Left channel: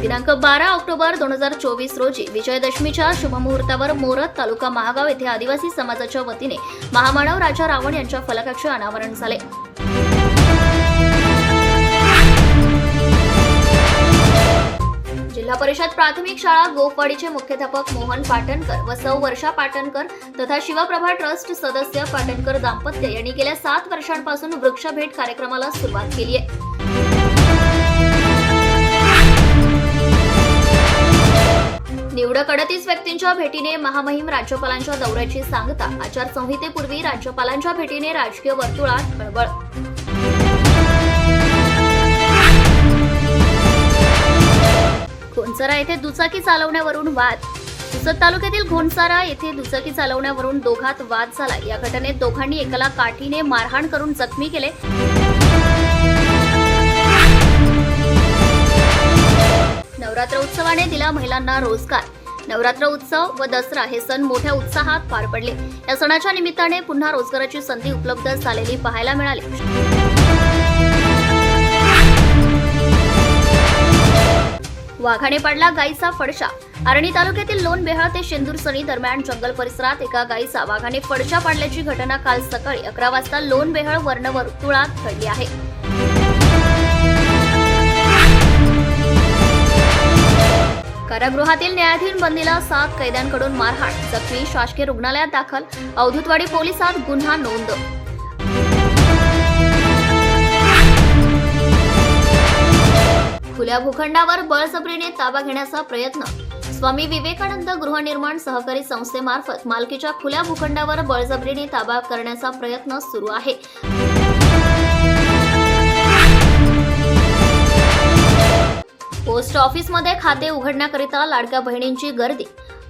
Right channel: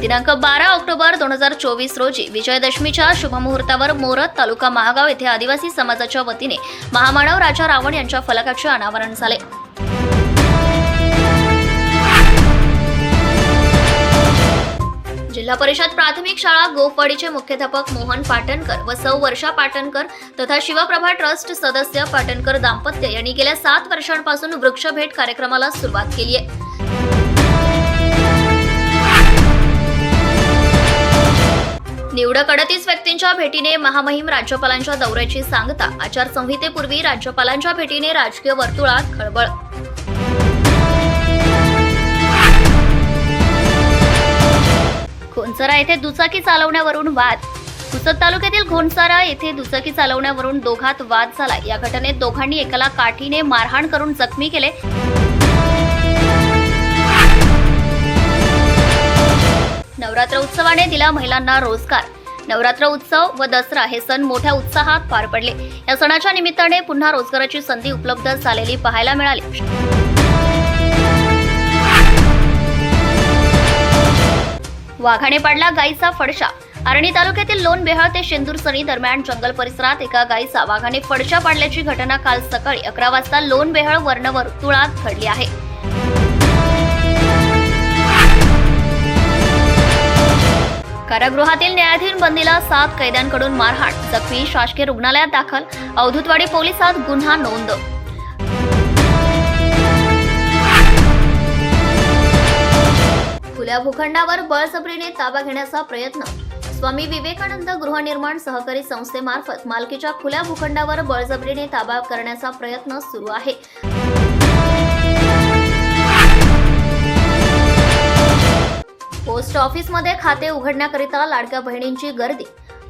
दिनांक 12 ऑक्टोबर 2024 रोजी विजयादशमीच्या शुभमुहूर्तावर मोरत तालुका महागाव येथे आदिवासी समाजाच्या वतीने महामानव राजा रावण यांच्या फलकाचे अनावरण झाले। जिल्हा परिषद प्राथमिक शाळा गोफवाडीचे मुख्याध्यापक मोहन पाटणकर व सौ वर्षा पाटणकर तथा शिवप्रभा ट्रस्ट सदस्य पाटणकर दाम्पत्य यांनी गेल्या 7 वर्षांपासून वृक्षभेट कार्यक्रमाला सुरुवात केली आहे। निवडक 38 व्यक्तींच्या भेटीने महामहिम राज्यपालांच्या दौऱ्याची सांगता। आचारसंहितेपूर्वी राज्यपालांच्या भेटीने राजकीय वर्तुळात खळबळ। घोणसारा येथे दुचाकी चालवण्यावरून वाद। पुसद तालुक्यातील घोणसारा येथे दुचाकी चालवण्यावरून दोघात वाद झाला। या घटनेत दोघांनी एकाला काठीने मारहाण करून जखमी केले। नवरात्र उत्सवाने दिला महिलांना रोजगार। नवरात्र उत्सव व दसरा हे सण मोठ्या उत्साहात पार पडले। या सणाच्या निमित्ताने पुन्हा रोजगाराची संधी उपलब्ध झालेली पाहायला मिळाली। वाघाने पाडला गायीचा फडशा। आर्णी तालुक्यातील लोण बेहळ ते शेंदूरसणी दरम्यान जंगल परिसरात एका गायीचा वाघाने फडशा पाडल्याची घटना काल सकाळी 11 वाजता लोण बेहळ वर्णवर्तुळात घडली आहे। कारागृहातील न्यायाधीन बंदीला 7 कैद्यांकडून मारहाण। जखमी शासकीय रुग्णालयात दाखल। अवधूतवाडी पोलिसात गुन्हा नोंद। खुल्या भूखंडावर बळजबरीने ताबा घेण्याचा प्रयत्न। स्वामी विवेकानंद गृहनिर्माण सहकारी संस्थेमार्फत मालकीच्या खुल्या भूखंडावर बळजबरीने ताबा करण्याचा प्रयत्न सुरू आहे। पोस्ट ऑफिसमध्ये खाते उघडण्याकरिता लाडक्या बहिणींची गर्दी।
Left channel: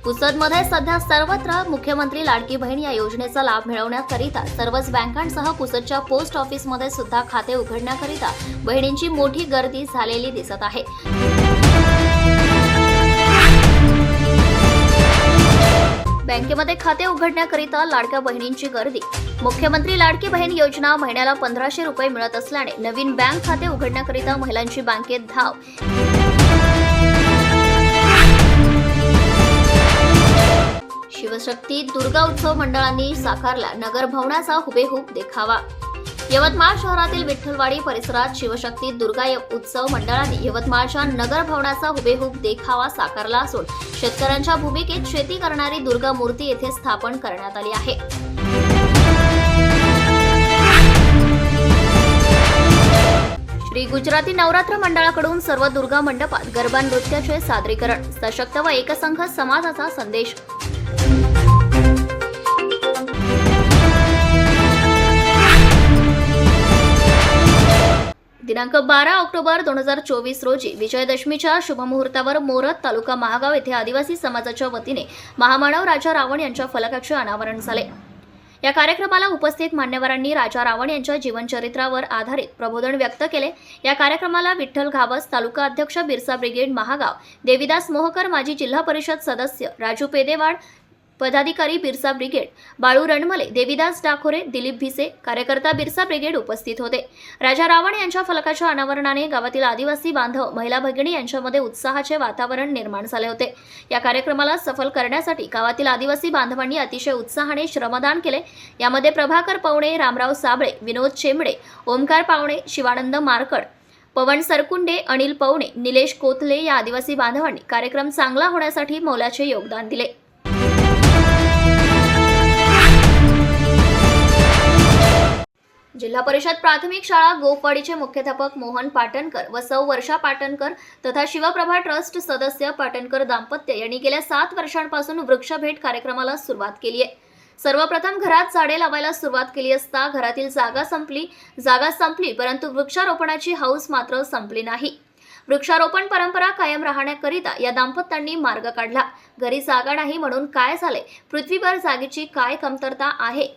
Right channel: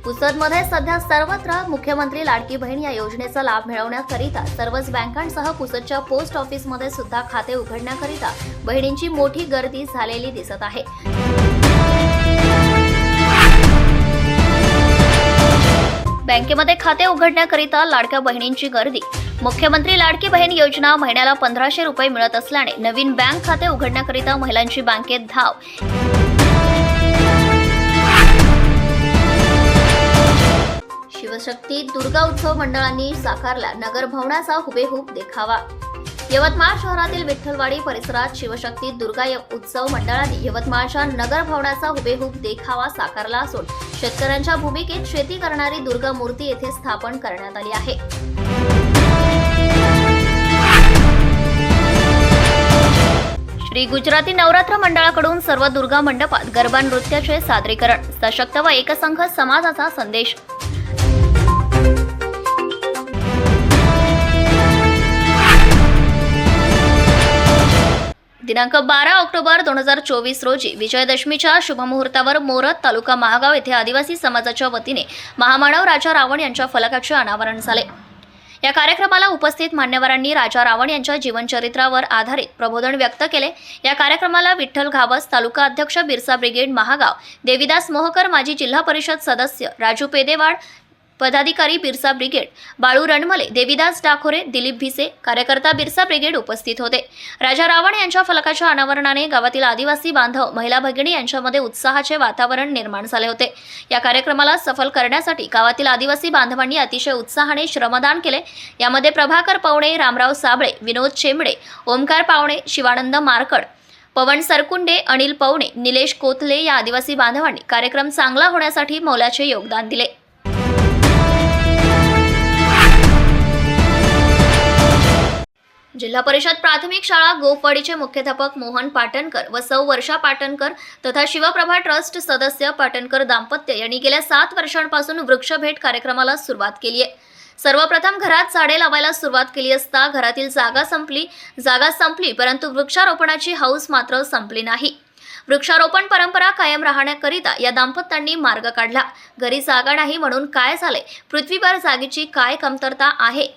पुसदमध्ये सध्या सर्वत्र मुख्यमंत्री लाडकी बहीण या योजनेचा लाभ मिळवण्याकरिता सर्वच बँकांसह पुसदच्या पोस्ट ऑफिसमध्ये सुद्धा खाते उघडण्याकरिता बहिणींची मोठी गर्दी झालेली दिसत आहे। बँकेमध्ये खाते उघडण्याकरिता लाडक्या बहिणींची गर्दी। मुख्यमंत्री लाडकी बहीण योजना महिन्याला 1500 रुपये मिळत असल्याने नवीन बँक खाते उघडण्याकरिता महिलांची बँकेत धाव। शिवशक्ती दुर्गा उत्सव मंडळांनी साकारला नगर भवनाचा हुबेहूब देखावा। यवतमाळ शहरातील विठ्ठलवाडी परिसरात शिवशक्ती दुर्गा उत्सव मंडळाने यवतमाळच्या नगर भवनाचा हुबेहूब देखावा साकारला असून शेतकऱ्यांच्या भूमिकेत शेती करणारी दुर्गा मूर्ती येथे स्थापन करण्यात आली आहे। श्री गुजराती नवरात्र मंडळाकडून सर्व दुर्गा मंडपात गरबा नृत्याचे सादरीकरण। सशक्त व एकसंघ समाजाचा संदेश। दिनांक 12 ऑक्टोबर 2024 रोजी विजयादशमीच्या शुभमुहूर्तावर मोरत तालुका महागाव येथे आदिवासी समाजाच्या वतीने महामानव राजा रावण यांच्या फलकाचे अनावरण झाले। या कार्यक्रमाला उपस्थित मान्यवरांनी राजा रावण यांच्या जीवनचरित्रावर आधारित प्रबोधन व्यक्त केले। या कार्यक्रमाला विठ्ठल घावस तालुका अध्यक्ष बिरसा ब्रिगेड महागाव, देविदास मोहकर माजी जिल्हा परिषद सदस्य, राजू पेदेवाड पदाधिकारी बिरसा ब्रिगेड, बाळू रणमले, देविदास डाखोरे, दिलीप भिसे, कार्यकर्ता बिरसा ब्रिगेड उपस्थित होते। राजा रावण यांच्या फलकाच्या अनावरणाने गावातील आदिवासी बांधव, महिला भगिनी यांच्यामध्ये उत्साहाचे वातावरण निर्माण झाले होते। या कार्यक्रमाला सफल करण्यासाठी गावातील आदिवासी बांधवांनी अतिशय उत्साहाने श्रमदान केले। यामध्ये प्रभाकर पवणे, रामराव साबळे, विनोद चेंबडे, ओमकार पावणे, शिवानंद मारकड, पवन सरकुंडे, अनिल पवणे, निलेश कोथले या आदिवासी बांधवांनी कार्यक्रम चांगला होण्यासाठी मोलाचे योगदान दिले। जिल्हा परिषद प्राथमिक शाळा गोफवाडीचे मुख्याध्यापक मोहन पाटणकर व सौ वर्षा पाटणकर तथा शिवप्रभा ट्रस्ट सदस्य पाटणकर दाम्पत्य यांनी गेल्या 7 वर्षांपासून वृक्षभेट कार्यक्रमाला सुरुवात केली आहे। सर्वप्रथम घरात झाडे लावायला सुरुवात केली असता घरातील जागा संपली, परंतु वृक्षारोपणाची हौस मात्र संपली नाही। वृक्षारोपण परंपरा कायम राहण्याकरिता या दाम्पत्यांनी मार्ग काढला। घरी जागा नाही म्हणून काय झाले, पृथ्वीवर जागेची काय कमतरता आहे,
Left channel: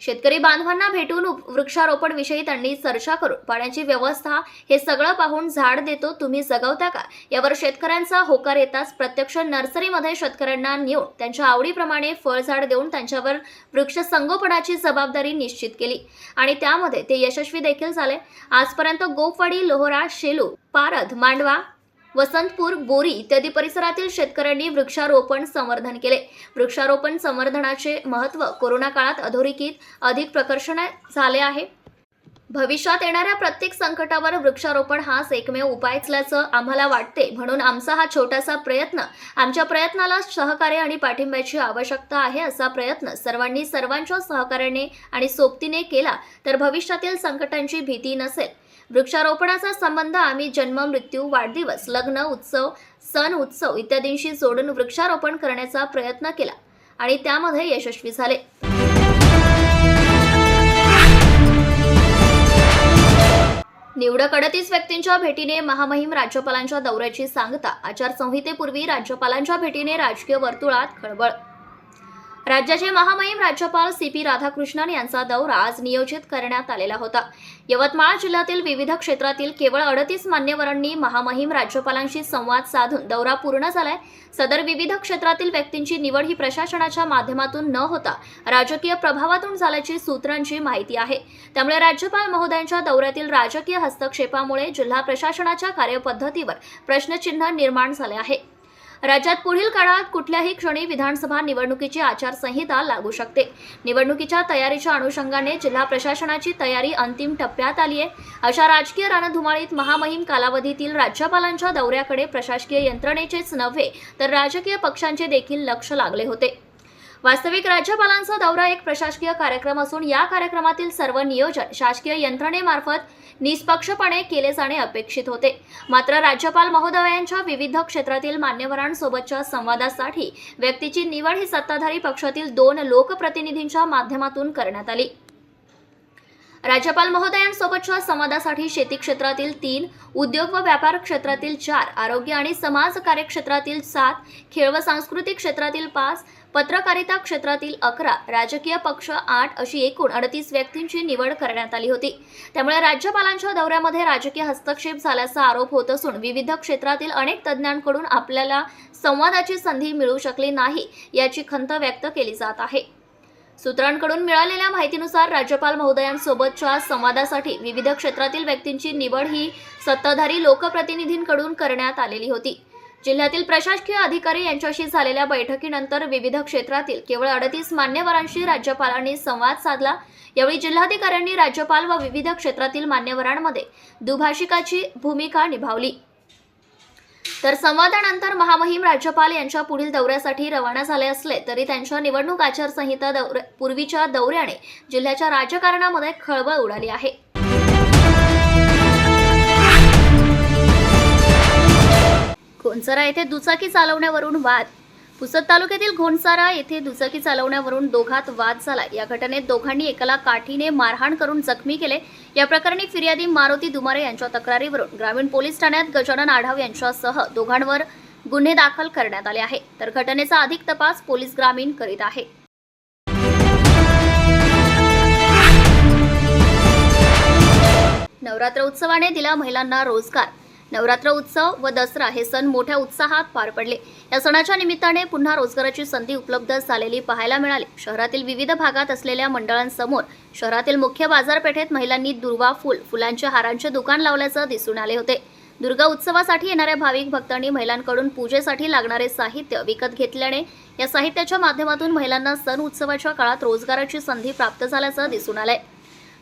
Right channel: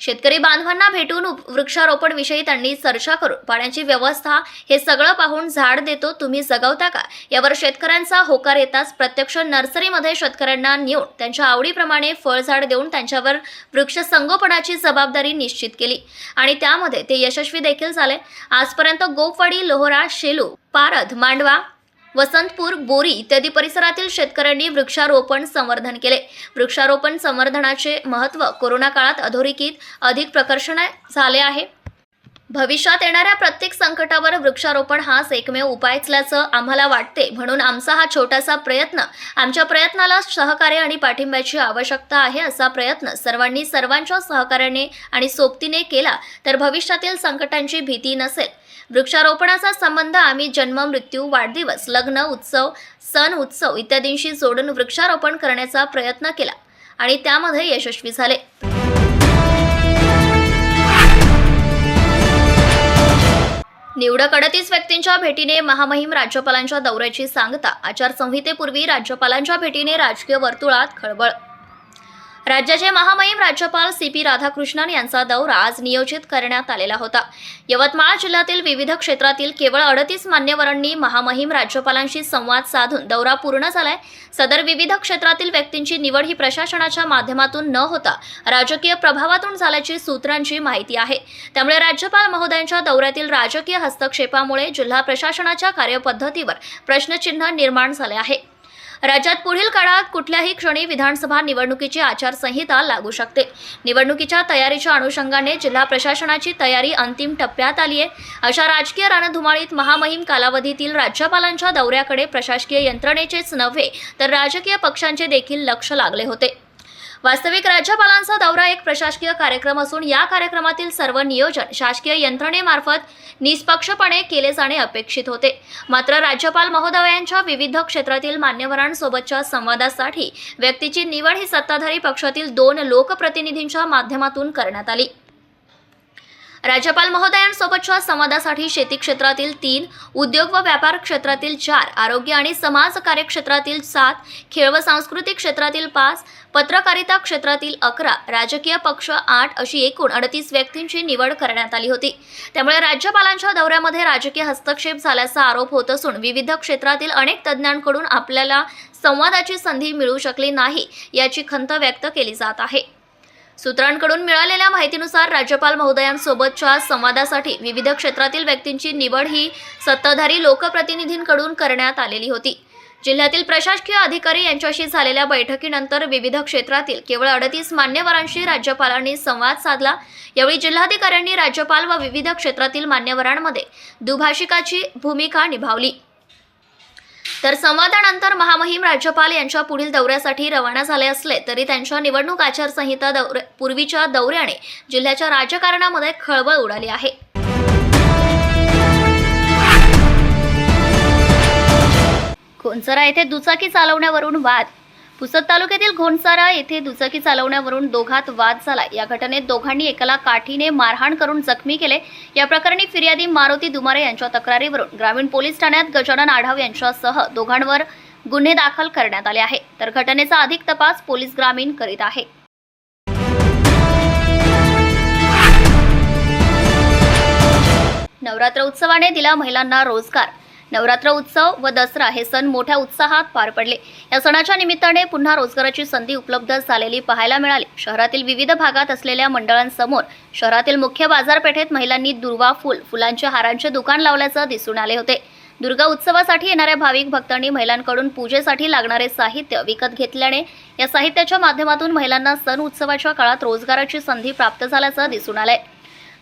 शेतकरी बांधवांना भेटून वृक्षारोपण विषयी त्यांनी चर्चा करून पाण्याची व्यवस्था हे सगळं पाहून झाड देतो तुम्ही जगवता का यावर शेतकऱ्यांचा होकार येताच प्रत्यक्ष नर्सरीमध्ये शेतकऱ्यांना नेऊन त्यांच्या आवडीप्रमाणे फळझाड देऊन त्यांच्यावर वृक्ष संगोपनाची जबाबदारी निश्चित केली आणि त्यामध्ये ते यशस्वी देखील झाले। आजपर्यंत गोफवाडी, लोहरा, शेलू, पारध, मांडवा, वसंतपूर, बोरी इत्यादी परिसरातील शेतकऱ्यांनी वृक्षारोपण संवर्धन केले। वृक्षारोपण संवर्धनाचे महत्त्व कोरोना काळात अधोरेखित अधिक प्रकर्षाने झाले आहे। भविष्यात येणाऱ्या प्रत्येक संकटावर वृक्षारोपण हाच एकमेव उपाय असल्याचं आम्हाला वाटते, म्हणून आमचा हा छोटासा प्रयत्न, आमच्या प्रयत्नाला सहकार्य आणि पाठिंब्याची आवश्यकता आहे। असा प्रयत्न सर्वांनी सर्वांच्या सहकार्याने आणि सोबतीने केला तर भविष्यातील संकटांची भीती नसेल। वृक्षारोपणाचा संबंध आम्ही जन्म, मृत्यू, वाढदिवस, लग्न, उत्सव, सण उत्सव इत्यादींशी जोडून वृक्षारोपण करण्याचा प्रयत्न केला आणि त्यामध्ये यशस्वी झाले। निवडक 38 व्यक्तींच्या भेटीने महामहिम राज्यपालांच्या दौऱ्याची सांगता। आचारसंहितेपूर्वी राज्यपालांच्या भेटीने राजकीय वर्तुळात खळबळ। राज्याचे महामहिम राज्यपाल CP राधाकृष्णन यांचा दौरा आज नियोजित करण्यात आलेला होता। यवतमाळ जिल्ह्यातील विविध क्षेत्रातील केवळ 38 मान्यवरांनी महामहिम राज्यपालांशी संवाद साधून दौरा पूर्ण झालाय। सदर विविध क्षेत्रातील व्यक्तींची निवड ही प्रशासनाच्या माध्यमातून न होता राजकीय प्रभावातून झाल्याची सूत्रांची माहिती आहे। त्यामुळे राज्यपाल महोदयांच्या दौऱ्यातील राजकीय हस्तक्षेपामुळे जिल्हा प्रशासनाच्या कार्यपद्धतीवर प्रश्नचिन्ह निर्माण झाले आहे। राज्यात पुढील काळात कुठल्याही क्षणी विधानसभा निवडणुकीची आचारसंहिता लागू शकते। निवडणुकीच्या तयारीच्या अनुषंगाने जिल्हा प्रशासनाची तयारी अंतिम टप्प्यात आली आहे। अशा राजकीय रणधुमाळीत महामहिम कालावधीतील राज्यपालांच्या दौऱ्याकडे प्रशासकीय यंत्रणेचेच नव्हे तर राजकीय पक्षांचे देखील लक्ष लागले होते। वास्तविक राज्यपालांचा दौरा एक प्रशासकीय कार्यक्रम असून या कार्यक्रमातील सर्व नियोजन शासकीय यंत्रणेमार्फत निष्पक्षपणे केले जाणे अपेक्षित होते। मात्र राज्यपाल महोदयांच्या विविध क्षेत्रातील मान्यवरांसोबतच्या संवादासाठी व्यक्तीची निवड ही सत्ताधारी पक्षातील 2 लोकप्रतिनिधींच्या माध्यमातून करण्यात आली। राज्यपाल महोदयांसोबतच्या संवादासाठी शेती क्षेत्रातील 3, उद्योग व व्यापार क्षेत्रातील 4, आरोग्य आणि समाज कार्य क्षेत्रातील 7, खेळ व सांस्कृतिक क्षेत्रातील 5, पत्रकारिता क्षेत्रातील 11, राजकीय पक्ष 8 अशी एकूण 38 व्यक्तींची निवड करण्यात आली होती। त्यामुळे राज्यपालांच्या दौऱ्यामध्ये राजकीय हस्तक्षेप झाल्याचा आरोप होत असून विविध क्षेत्रातील अनेक तज्ज्ञांकडून आपल्याला संवादाची संधी मिळू शकली नाही याची खंत व्यक्त केली जात आहे। सूत्रांकडून मिळालेल्या माहितीनुसार राज्यपाल महोदयांसोबतच्या संवादासाठी विविध क्षेत्रातील व्यक्तींची निवड ही सत्ताधारी लोकप्रतिनिधींकडून करण्यात आलेली होती। जिल्ह्यातील प्रशासकीय अधिकारी यांच्याशी झालेल्या बैठकीनंतर विविध क्षेत्रातील केवळ 38 मान्यवरांशी राज्यपालांनी संवाद साधला। यावेळी जिल्हाधिकाऱ्यांनी राज्यपाल व विविध क्षेत्रातील मान्यवरांमध्ये दुभाषिकाची भूमिका निभावली। तर संवादानंतर महामहिम राज्यपाल यांच्या पुढील दौऱ्यासाठी रवाना झाले असले तरी त्यांच्या निवडणूक आचारसंहिता पूर्वीच्या दौऱ्याने जिल्ह्याच्या राजकारणामध्ये खळबळ उडाली आहे। घोणसरा येथे दुचाकी चालवण्यावरून वाद। पुसद तालुक्यातील घोणसारा येथे दुचाकी चालवण्यावरून दोघात वाद झाला। या घटनेत दोघांनी एकाला काठीने मारहाण करून जखमी केले। या प्रकरणी फिर्यादी मारुती दुमारे यांच्या तक्रारीवरून ग्रामीण पोलीस ठाण्यात गजानन आढाव यांच्यासह दोघांवर गुन्हे दाखल करण्यात आले आहे। तर घटनेचा अधिक तपास पोलीस ग्रामीण करीत आहे। नवरात्र उत्सवाने दिला महिलांना रोजगार। नवरात्र उत्सव व दसरा हे सण मोठ्या उत्साहात पार पडले। या सणाच्या निमित्ताने पुन्हा रोजगाराची संधी उपलब्ध झालेली पाहायला मिळाली। शहरातील विविध भागात असलेल्या मंडळांसमोर शहरातील मुख्य बाजारपेठेत महिलांनी दुर्वा फुलांच्या हारांचे दुकान लावल्याचे दिसून आले होते। दुर्गा उत्सवासाठी येणाऱ्या भाविक भक्तांनी महिलांकडून पूजेसाठी लागणारे साहित्य विकत घेतल्याने या साहित्याच्या माध्यमातून महिलांना सण उत्सवाच्या काळात रोजगाराची संधी प्राप्त झाल्याचे दिसून आले।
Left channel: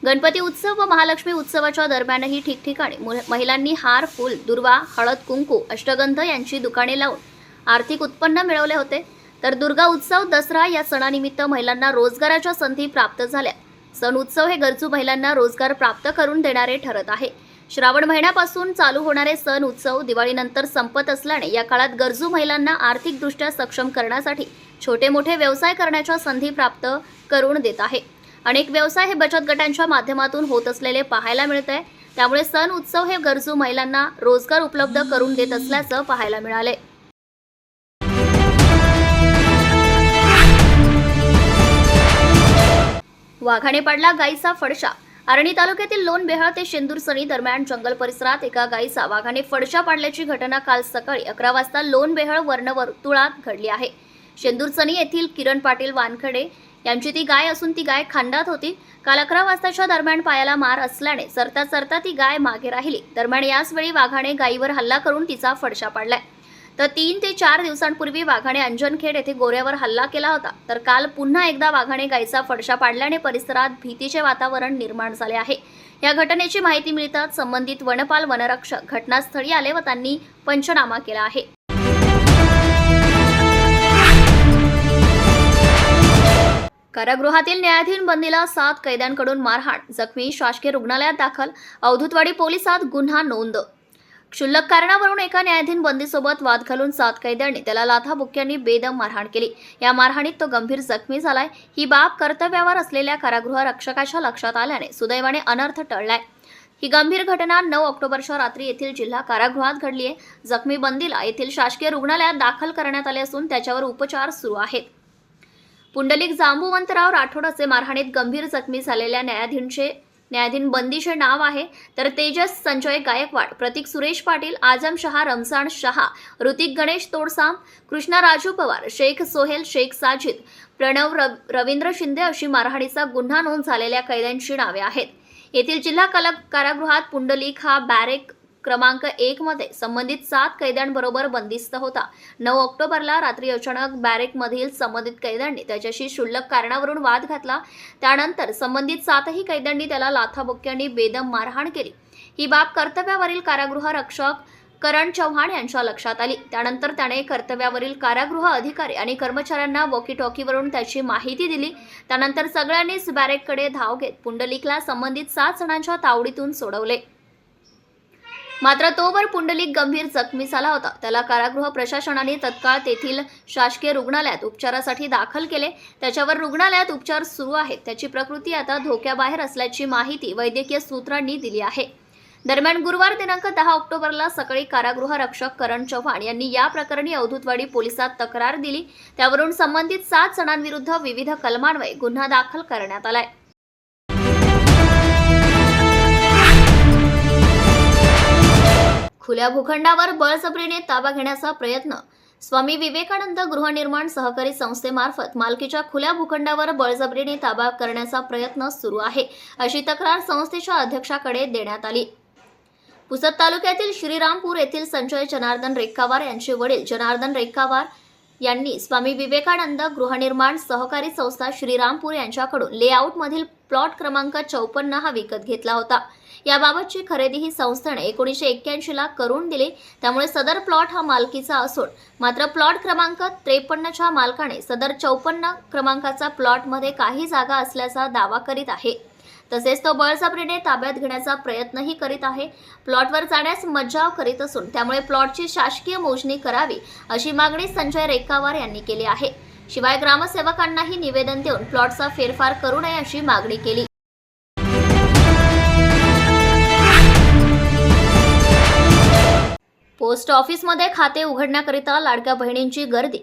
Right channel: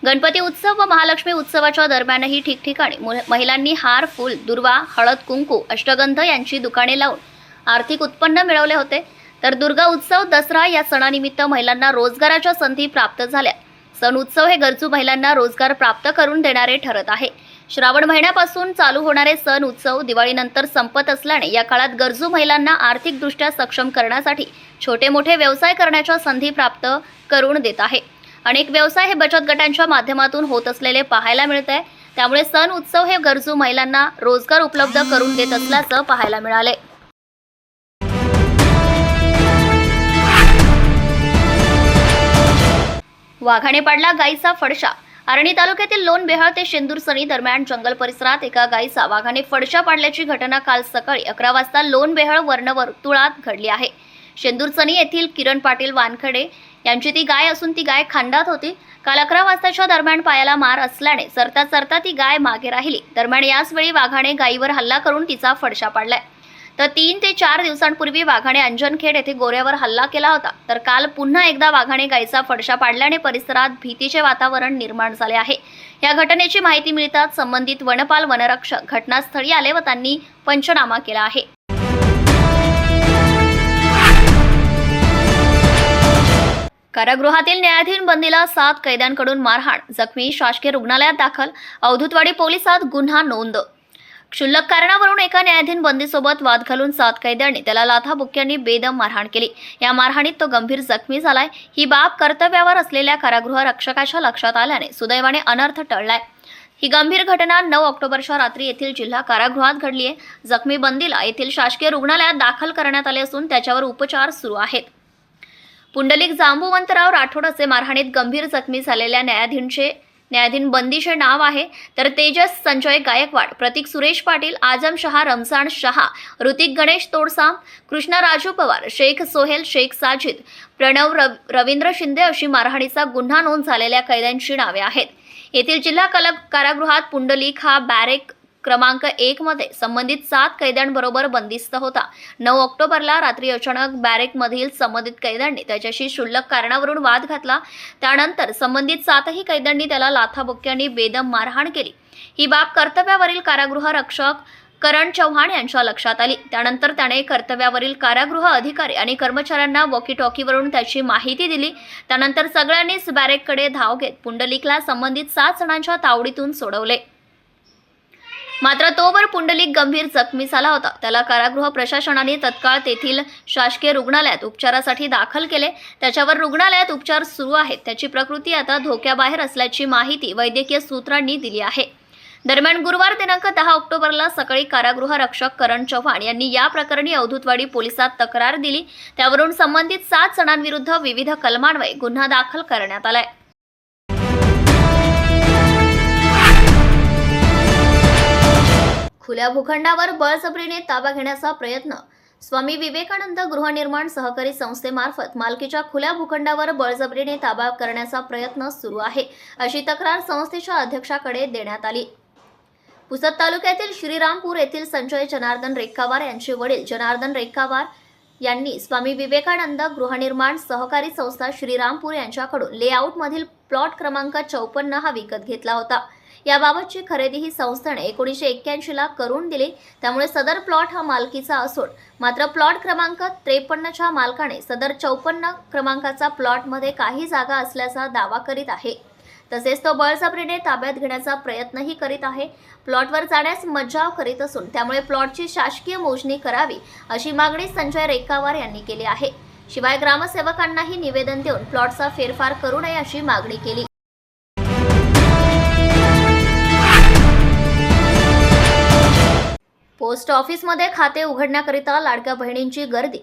गणपती उत्सव व महालक्ष्मी उत्सवाच्या दरम्यानही ठिकठिकाणी महिलांनी हार, फूल, दुर्वा, हळद, कुंकू, अष्टगंध यांची दुकाने लावून आर्थिक उत्पन्न मिळवले होते। तर दुर्गा उत्सव, दसरा या सणानिमित्त महिलांना रोजगाराच्या संधी प्राप्त झाल्या। सण उत्सव हे गरजू महिलांना रोजगार प्राप्त करून देणारे ठरत आहे। श्रावण महिन्यापासून चालू होणारे सण उत्सव दिवाळीनंतर संपत असल्याने या काळात गरजू महिलांना आर्थिकदृष्ट्या सक्षम करण्यासाठी छोटे मोठे व्यवसाय करण्याच्या संधी प्राप्त करून देत आहे। अनेक व्यवसाय हे बचत गटांच्या माध्यमातून होत असलेले पाहायला मिळते। त्यामुळे सण उत्सव हे गरजू महिलांना रोजगार उपलब्ध करून देत असल्याचे पाहायला मिळाले। वाघाने पाडला गायीचा फडशा। आर्णी तालुक्यातील लोण बेहळ ते शेंदूरसणी दरम्यान जंगल परिसरात एका गायीचा वाघाने फडशा पाडल्याची घटना काल सकाळी 11 वाजता लोण बेहळ वर्णवर्तुळात घडली आहे। शेंदूरचणी येथील किरण पाटील वानखडे यांची ती गाय असून ती गाय खांडात होती. काल 11 वाजताच्या दरम्यान पायाला मार असल्याने सरता सरता ती गाय मागे राहिली. दरम्यान याच वेळी वाघाने गायीवर हल्ला करून तिचा फडशा पाडलाय. तर 3 ते 4 दिवसांपूर्वी वाघाने अंजनखेड येथे गोऱ्यावर हल्ला केला होता. तर काल पुन्हा एकदा वाघाने गायीचा फडशा पाडल्याने परिसरात भीतीचे वातावरण निर्माण झाले आहे. या घटनेची माहिती मिळताच संबंधित वनपाल वनरक्षक घटनास्थळी आले व त्यांनी पंचनामा केला आहे. कारागृहातील न्यायाधीन बंदीला 7 कैद्यांकडून मारहाण, जखमी, शासकीय रुग्णालयात दाखल. अवधूतवाडी पोलिसात गुन्हा नोंद. क्षुल्लक कारणावरून एका न्यायाधीन बंदीसोबत वाद घालून 7 कैद्यांनी त्याला लाथाबुक्क्यांनी बेदम मारहाण केली. या मारहाणीत तो गंभीर जखमी झालाय. ही बाब कर्तव्यावर असलेल्या कारागृह रक्षकाच्या लक्षात आल्याने सुदैवाने अनर्थ टळलाय. ही गंभीर घटना 9 ऑक्टोबरच्या रात्री येथील जिल्हा कारागृहात घडली आहे. जखमी बंदीला येथील शासकीय रुग्णालयात दाखल करण्यात आले असून त्याच्यावर उपचार सुरू आहेत. पुंडलिक जांबुवंतराव राठोड असे मारहाणीत गंभीर जखमी झालेल्या न्यायाधीन बंदीचे नाव आहे. तर तेजस संजय गायकवाड, प्रतीक सुरेश पाटील, आजम शहा, रमजान शहा, ऋतिक गणेश तोडसाम, कृष्णा राजू पवार, शेख सोहेल, शेख साजिद, प्रणव रवींद्र शिंदे अशी मारहाणीचा गुन्हा नोंद झालेल्या कैद्यांची नावे आहेत. येथील जिल्हा कारागृहात पुंडलिक हा बॅरेक क्रमांक 1 मध्ये संबंधित 7 कैद्यांबरोबर बंदिस्त होता. 9 ऑक्टोबरला रात्री अचानक बॅरेकमधील संबंधित कैद्यांनी त्याच्याशी क्षुल्लक कारणावरून वाद घातला. त्यानंतर संबंधित 7ही कैद्यांनी त्याला लाथाबुक्क्यांनी बेदम मारहाण केली. ही बाब कर्तव्यावरील कारागृह रक्षक करण चव्हाण यांच्या लक्षात आली. त्यानंतर त्याने कर्तव्यावरील कारागृह अधिकारी आणि कर्मचाऱ्यांना वॉकी टॉकीवरून त्याची माहिती दिली. त्यानंतर सगळ्यांनीच बॅरेककडे धाव घेत पुंडलिकला संबंधित 7 जणांच्या तावडीतून सोडवले. मात्र तोवर पुंडलिक गंभीर जखमी झाला होता. त्याला कारागृह प्रशासनाने तत्काळ तेथील शासकीय रुग्णालयात उपचारासाठी दाखल केले. त्याच्यावर रुग्णालयात उपचार सुरू आहेत. त्याची प्रकृती आता धोक्याबाहेर असल्याची माहिती वैद्यकीय सूत्रांनी दिली आहे. दरम्यान गुरुवार दिनांक 10 ऑक्टोबरला सकाळी कारागृह रक्षक करण चव्हाण यांनी या प्रकरणी अवधूतवाडी पोलिसात तक्रार दिली. त्यावरून संबंधित 7 जणांविरुद्ध विविध कलमान्वये गुन्हा दाखल करण्यात आलाय. खुल्या भूखंडावर बळजबरीने ताबा घेण्याचा प्रयत्न. स्वामी विवेकानंद गृहनिर्माण सहकारी संस्थेमार्फत मालकीच्या खुल्या भूखंडावर बळजबरीने ताबा करण्याचा प्रयत्न सुरू आहे, अशी तक्रार संस्थेच्या अध्यक्षाकडे देण्यात आली. पुसद तालुक्यातील श्रीरामपूर येथील संजय जनार्दन रेक्कावार यांचे वडील जनार्दन रेक्कावार यांनी स्वामी विवेकानंद गृहनिर्माण सहकारी संस्था श्रीरामपूर यांच्याकडून लेआउटमधील प्लॉट क्रमांक 54 हा विकत घेतला होता. याबाबतची खरेदी ही संस्थेने 1981 ला करून दिली. त्यामुळे सदर प्लॉट हा मालकीचा असून मात्र प्लॉट क्रमांक 53च्या मालकाने सदर 54 क्रमांकाचा प्लॉटमध्ये काही जागा असल्याचा दावा करीत आहे. तसेच तो बळजबरीने ताब्यात घेण्याचा प्रयत्नही करीत आहे. प्लॉटवर जाण्यास मज्जाव करीत असून त्यामुळे प्लॉटची शासकीय मोजणी करावी अशी मागणी संजय रेक्कावार यांनी केली आहे. शिवाय ग्रामसेवकांनाही निवेदन देऊन प्लॉटचा फेरफार करू नये अशी मागणी केली. पोस्ट ऑफिसमध्ये खाते उघडण्याकरिता लाडक्या बहिणींची गर्दी.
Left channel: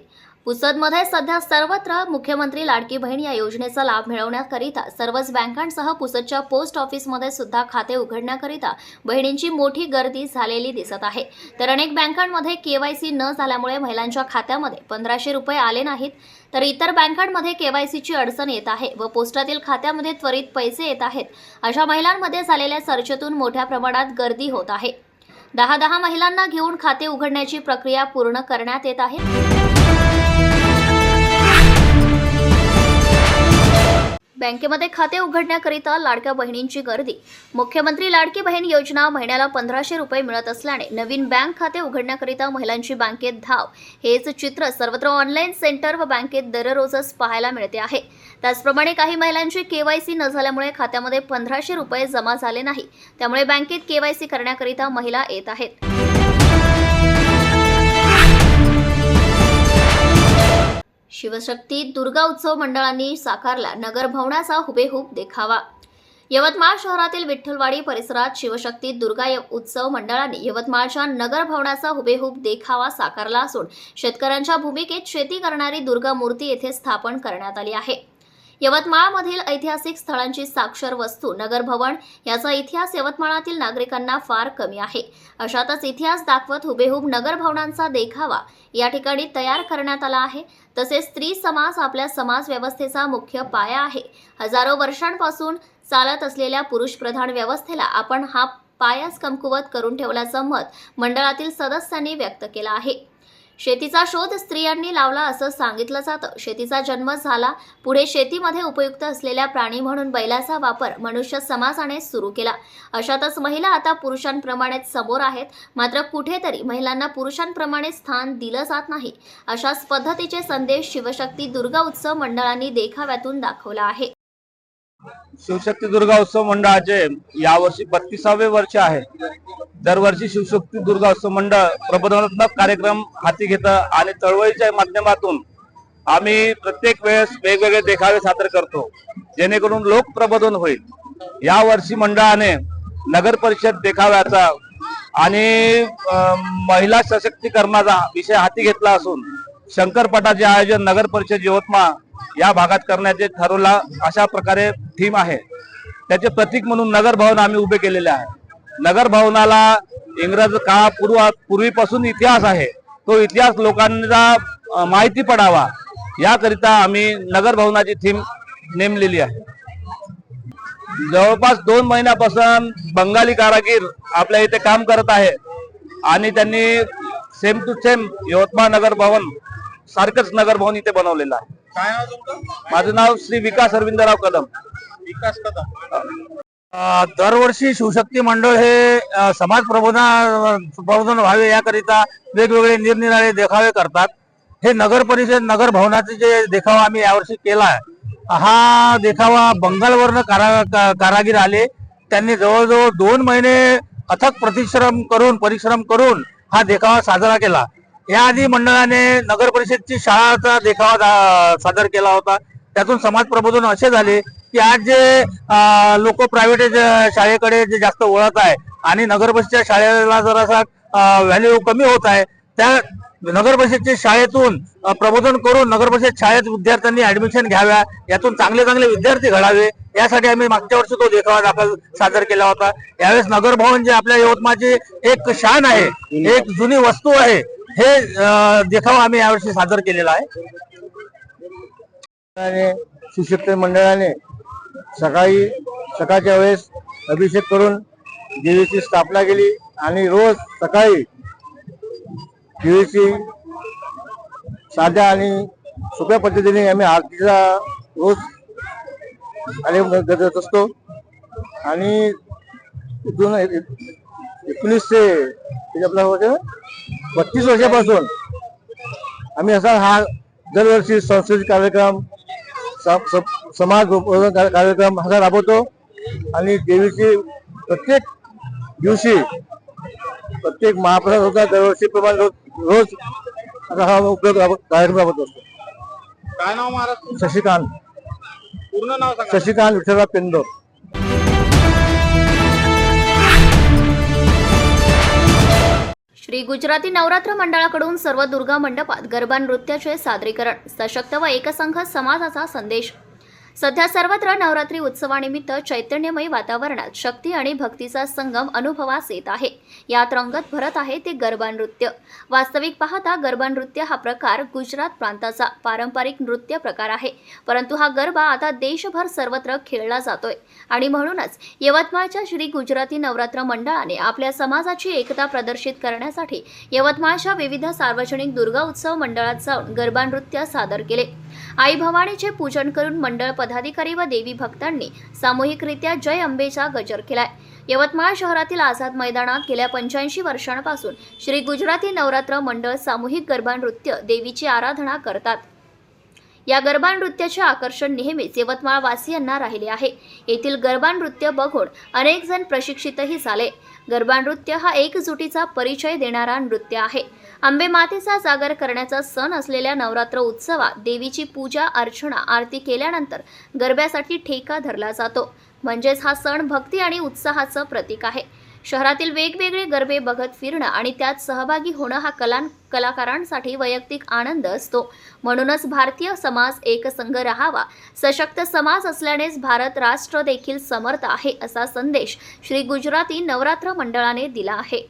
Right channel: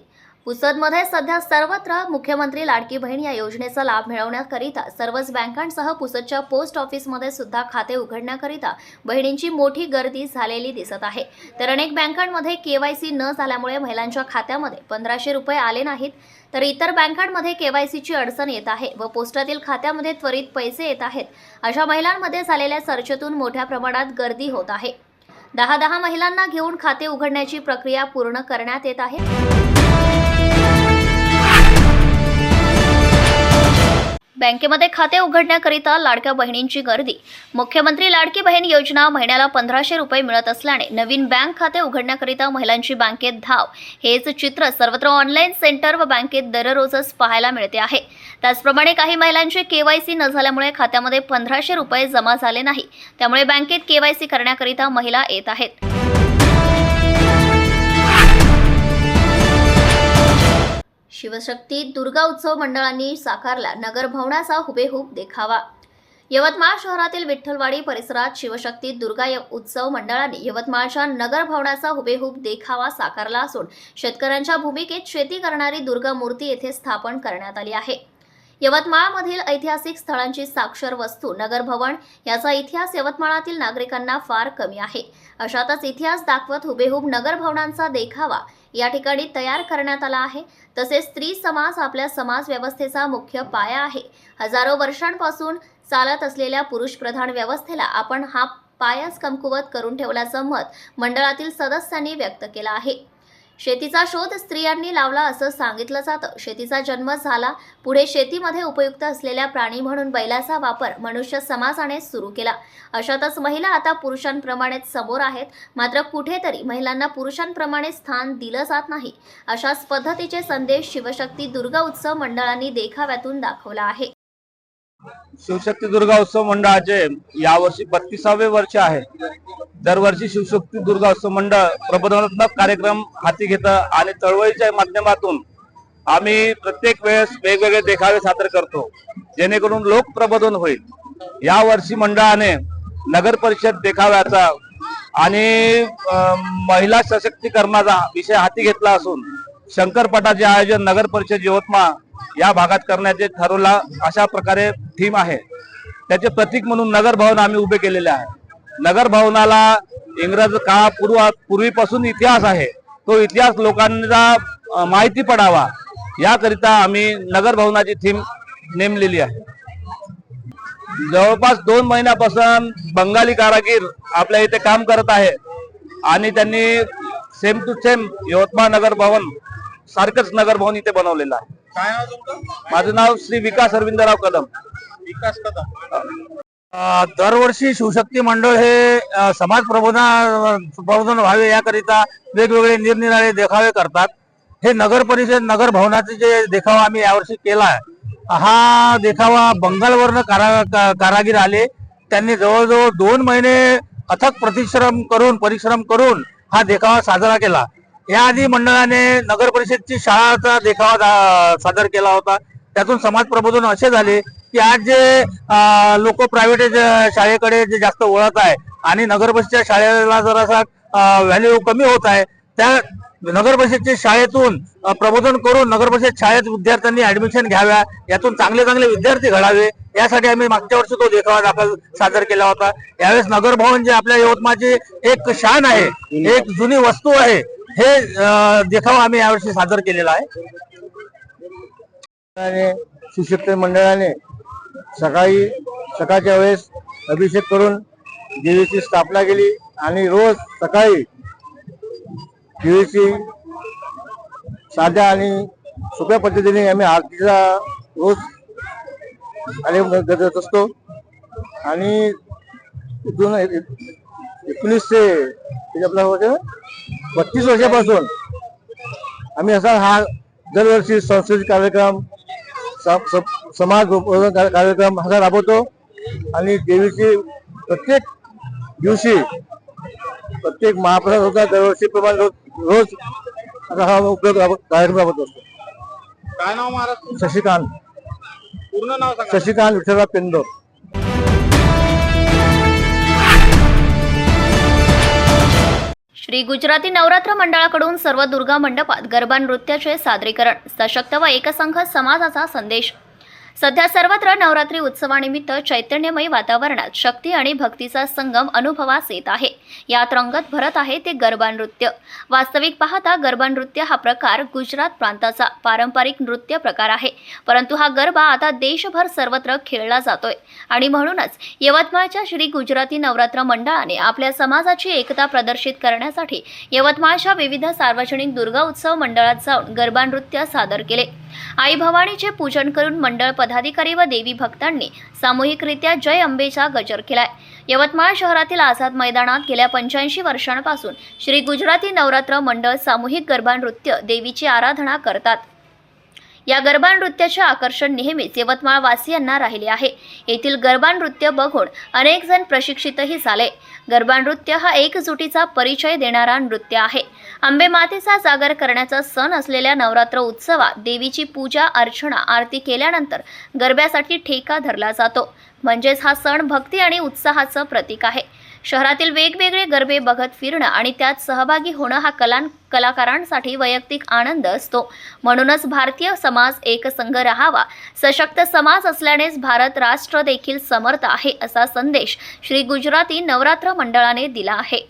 पुसदमध्ये सध्या सर्वत्र मुख्यमंत्री लाडकी बहीण या योजनेचा लाभ मिळवण्याकरिता सर्वच बँकांसह पुसदच्या पोस्ट ऑफिसमध्ये सुद्धा खाते उघडण्याकरिता बहिणींची मोठी गर्दी झालेली दिसत आहे. तर अनेक बँकांमध्ये KYC न झाल्यामुळे महिलांच्या खात्यामध्ये 1500 रुपये आले नाहीत. तर इतर बँकांमध्ये KYCची अडचण येत आहे व पोस्टातील खात्यामध्ये त्वरित पैसे येत आहेत. अशा महिलांमध्ये झालेल्या चर्चेतून मोठ्या प्रमाणात गर्दी होत आहे. 10 महिलांना घेऊन खाते उघडण्याची प्रक्रिया पूर्ण करण्यात येत आहे. बँकेमध्ये खाते उघडण्याकरिता लाडक्या बहिणींची गर्दी. मुख्यमंत्री लाडकी बहीण योजना महिन्याला 1500 रुपये मिळत असल्याने नवीन बँक खाते उघडण्याकरिता महिलांची बँकेत धाव. हेच चित्र सर्वत्र ऑनलाईन सेंटर व बँकेत दररोजच पाहायला मिळते आहे. त्याचप्रमाणे काही महिलांचे KYC न झाल्यामुळे खात्यामध्ये 1500 रुपये जमा झाले नाही. त्यामुळे बँकेत KYC करण्याकरिता महिला येत आहेत. शिवशक्ती दुर्गा उत्सव मंडळांनी साकारला नगर भवनाचा हुबेहूब देखावा. यवतमाळ शहरातील विठ्ठलवाडी परिसरात शिवशक्ती दुर्गा उत्सव मंडळाने यवतमाळच्या नगर भवनाचा हुबेहूब देखावा साकारला असून शेतकऱ्यांच्या भूमिकेत शेती करणारी दुर्गा मूर्ती येथे स्थापन करण्यात आली आहे. यवतमाळमधील ऐतिहासिक स्थळांची साक्षर वस्तू नगर भवन याचा इतिहास यवतमाळातील नागरिकांना फार कमी आहे. अशातच इतिहास दाखवत हुबेहूब नगर भवनांचा देखावा या ठिकाणी तयार करण्यात आला आहे. तसेच स्त्री समाज आपल्या समाज व्यवस्थेचा मुख्य पाया आहे. हजारो वर्षांपासून चालत असलेल्या पुरुषप्रधान व्यवस्थेला आपण हा पायाच कमकुवत करून ठेवल्याचं मत मंडळातील सदस्यांनी व्यक्त केलं आहे. शेतीचा शोध स्त्रियांनी लावला असं सांगितलं जातं. शेतीचा जन्म झाला. पुढे शेतीमध्ये उपयुक्त असलेल्या प्राणी म्हणून बैलाचा वापर मनुष्य समाजाने सुरू केला. अशातच महिला आता पुरुषांप्रमाणेच समोर आहेत. मात्र कुठेतरी महिलांना पुरुषांप्रमाणे स्थान दिलं जात नाही. अशाच पद्धतीचे संदेश शिवशक्ती दुर्गा उत्सव मंडळांनी देखाव्यातून दाखवला आहे. शिवशक्ती दुर्गा उत्सव मंडळाचे यावर्षी 32वे वर्ष आहे. दरवर्षी शिवशक्ती दुर्गा उत्सव मंडळ प्रबोधनात्मक कार्यक्रम हाती घेतं आणि चळवळीच्या माध्यमातून आम्ही प्रत्येक वेळेस वेगवेगळे देखावे सादर करतो, जेणेकरून लोक प्रबोधन होईल. यावर्षी मंडळाने नगर परिषद देखाव्याचा आणि महिला सशक्तीकरणाचा विषय हाती घेतला असून शंकरपटाचे आयोजन नगर परिषद यवतमाळ या भागात करण्याचे ठरवला. अशा प्रकारे थीम आहे. त्याचे प्रतीक म्हणून नगर भवन आम्ही उभे केलेले आहे. नगर भवनाला इंग्रज पूर्वीपासून इतिहास आहे. तो इतिहास लोकांना माहिती पडावा याकरिता आम्ही नगर भवनाची थीम नेमलेली आहे. जवळपास 2 महिन्यापासून बंगाली कारागीर आपल्या इथे काम करत आहे आणि त्यांनी सेम टू सेम यवतमाळ नगर भवन सारखंच नगर भवन इथे बनवलेलं आहे. काय नाव तुमचं? माझं नाव श्री विकास अरविंदराव कदम. विकास कदम. दरवर्षी शिवशक्ती मंडळ हे समाज प्रबोधन व्हावे याकरिता वेगवेगळे निरनिराळे देखावे करतात. हे नगर परिषद नगर भवनाचे जे देखावा आम्ही यावर्षी केला आहे, हा देखावा बंगालवरनं कारागीर आले. त्यांनी जवळजवळ 2 महिने अथक परिश्रम करून हा देखावा साजरा केला. याआधी मंडळाने नगर परिषदची शाळाचा देखावा सादर केला होता. त्यातून समाज प्रबोधन असे झाले की आज जे लोक प्रायव्हेट शाळेकडे जे जास्त वळत आहे आणि नगर परिषदच्या शाळेला जरासा व्हॅल्यू कमी होत आहे, त्या नगर परिषदच्या शाळेतून प्रबोधन करून नगर परिषद शाळेत विद्यार्थ्यांनी ऍडमिशन घ्याव्या, यातून चांगले चांगले विद्यार्थी घडावे यासाठी आम्ही मागच्या वर्षी तो देखावा सादर केला होता. यावेळेस नगर भवन जे आपल्या यवतमाळची एक शान आहे, एक जुनी वस्तू आहे, हे देखावा आम्ही यावर्षी सादर केलेला आहे. शिवशक्ती मंडळाने सकाळच्या वेळेस अभिषेक करून देवीची स्थापना केली आणि रोज सकाळी देवीची साध्या आणि सोप्या पद्धतीने आम्ही आरतीचा रोज कार्यक्रम करत असतो. आणि 19 ते आपला 32 वर्षापासून आम्ही असा हा दरवर्षी सांस्कृतिक कार्यक्रम समाज कार्यक्रम असा राबवतो. आणि देवीची प्रत्येक दिवशी प्रत्येक महाप्रसाद होता दरवर्षी प्रमाणे रोज असा हा उपयोग कार्यक्रम राबवत असतो. काय नाव महाराज? शशिकांत. पूर्ण नाव सांगा. शशिकांत विठ्ठलराव पेंदोर. श्री गुजराती नवरात्र मंडळाकडून सर्व दुर्गा मंडपात गरबा नृत्याचे सादरीकरण. सशक्त व एकसंघ समाजाचा संदेश. सध्या सर्वत्र नवरात्री उत्सवानिमित्त चैतन्यमय वातावरणात शक्ती आणि भक्तीचा संगम अनुभवास येत आहे. यात रंगत भरत आहे ते गरबा नृत्य. वास्तविक पाहता गरबा नृत्य हा प्रकार गुजरात प्रांताचा पारंपरिक नृत्य प्रकार आहे, परंतु हा गरबा आता देशभर सर्वत्र खेळला जातोय. आणि म्हणूनच यवतमाळच्या श्री गुजराती नवरात्र मंडळाने आपल्या समाजाची एकता प्रदर्शित करण्यासाठी यवतमाळच्या विविध सार्वजनिक दुर्गा उत्सव मंडळात जाऊन गरबा नृत्य सादर केले. आई भवानीचे पूजन करून मंडळ पदाधिकारी व देवी भक्तांनी सामूहिकरित्या जय अंबेचा गजर केलाय. यवतमाळ शहरातील आझाद मैदानात गेल्या 85 वर्षांपासून श्री गुजराती नवरात्र मंडळ सामूहिक गरबा नृत्य देवीची आराधना करतात. या गरबा नृत्याचे आकर्षण नेहमीच यवतमाळ वासियांना राहिले आहे. येथील गरबा नृत्य बघून अनेक जण प्रशिक्षितही झाले. गरबा नृत्य हा एकजुटीचा परिचय देणारा नृत्य आहे. अंबे मातेचा जागर करण्याचा सण असलेल्या नवरात्र उत्सवात देवीची पूजा अर्चना आरती केल्यानंतर गरब्यासाठी ठेका धरला जातो. म्हणजेच हा सण भक्ती आणि उत्साहाचं प्रतीक आहे. शहरातील वेगवेगळे गरबे बघत फिरणं आणि त्यात सहभागी होणं हा कलाकारांसाठी वैयक्तिक आनंद असतो. म्हणूनच भारतीय समाज एकसंघ राहावा, सशक्त समाज असल्यानेच भारत राष्ट्र देखील समर्थ आहे, असा संदेश श्री गुजराती नवरात्र मंडळाने दिला आहे.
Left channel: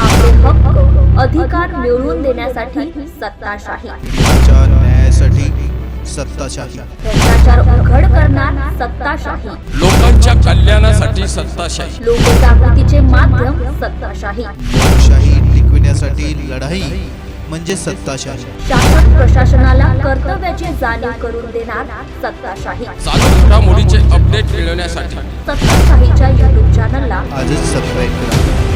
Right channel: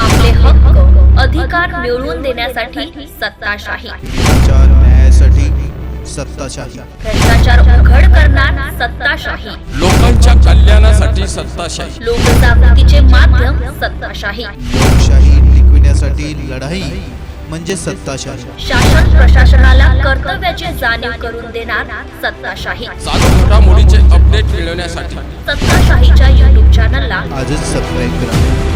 आपले हक्क अधिकार मिळवून देण्यासाठी सत्ताशाही, न्यायासाठी सत्ताशाही, भ्रष्टाचार उघड करणार सत्ताशाही, लोकांच्या कल्याणासाठी सत्ताशाही, लोकजागृतीचे माध्यम सत्ताशाही, लोकशाही टिकविण्यासाठी लढाई म्हणजे सत्ताशाही, शासन प्रशासनाला कर्तव्याची जाणीव करून देणार सत्ताशाही. चालू घडामोडीचे अपडेट मिळवण्यासाठी सत्ताशाहीच्या YouTube चॅनलला आजच सबस्क्राईब करा.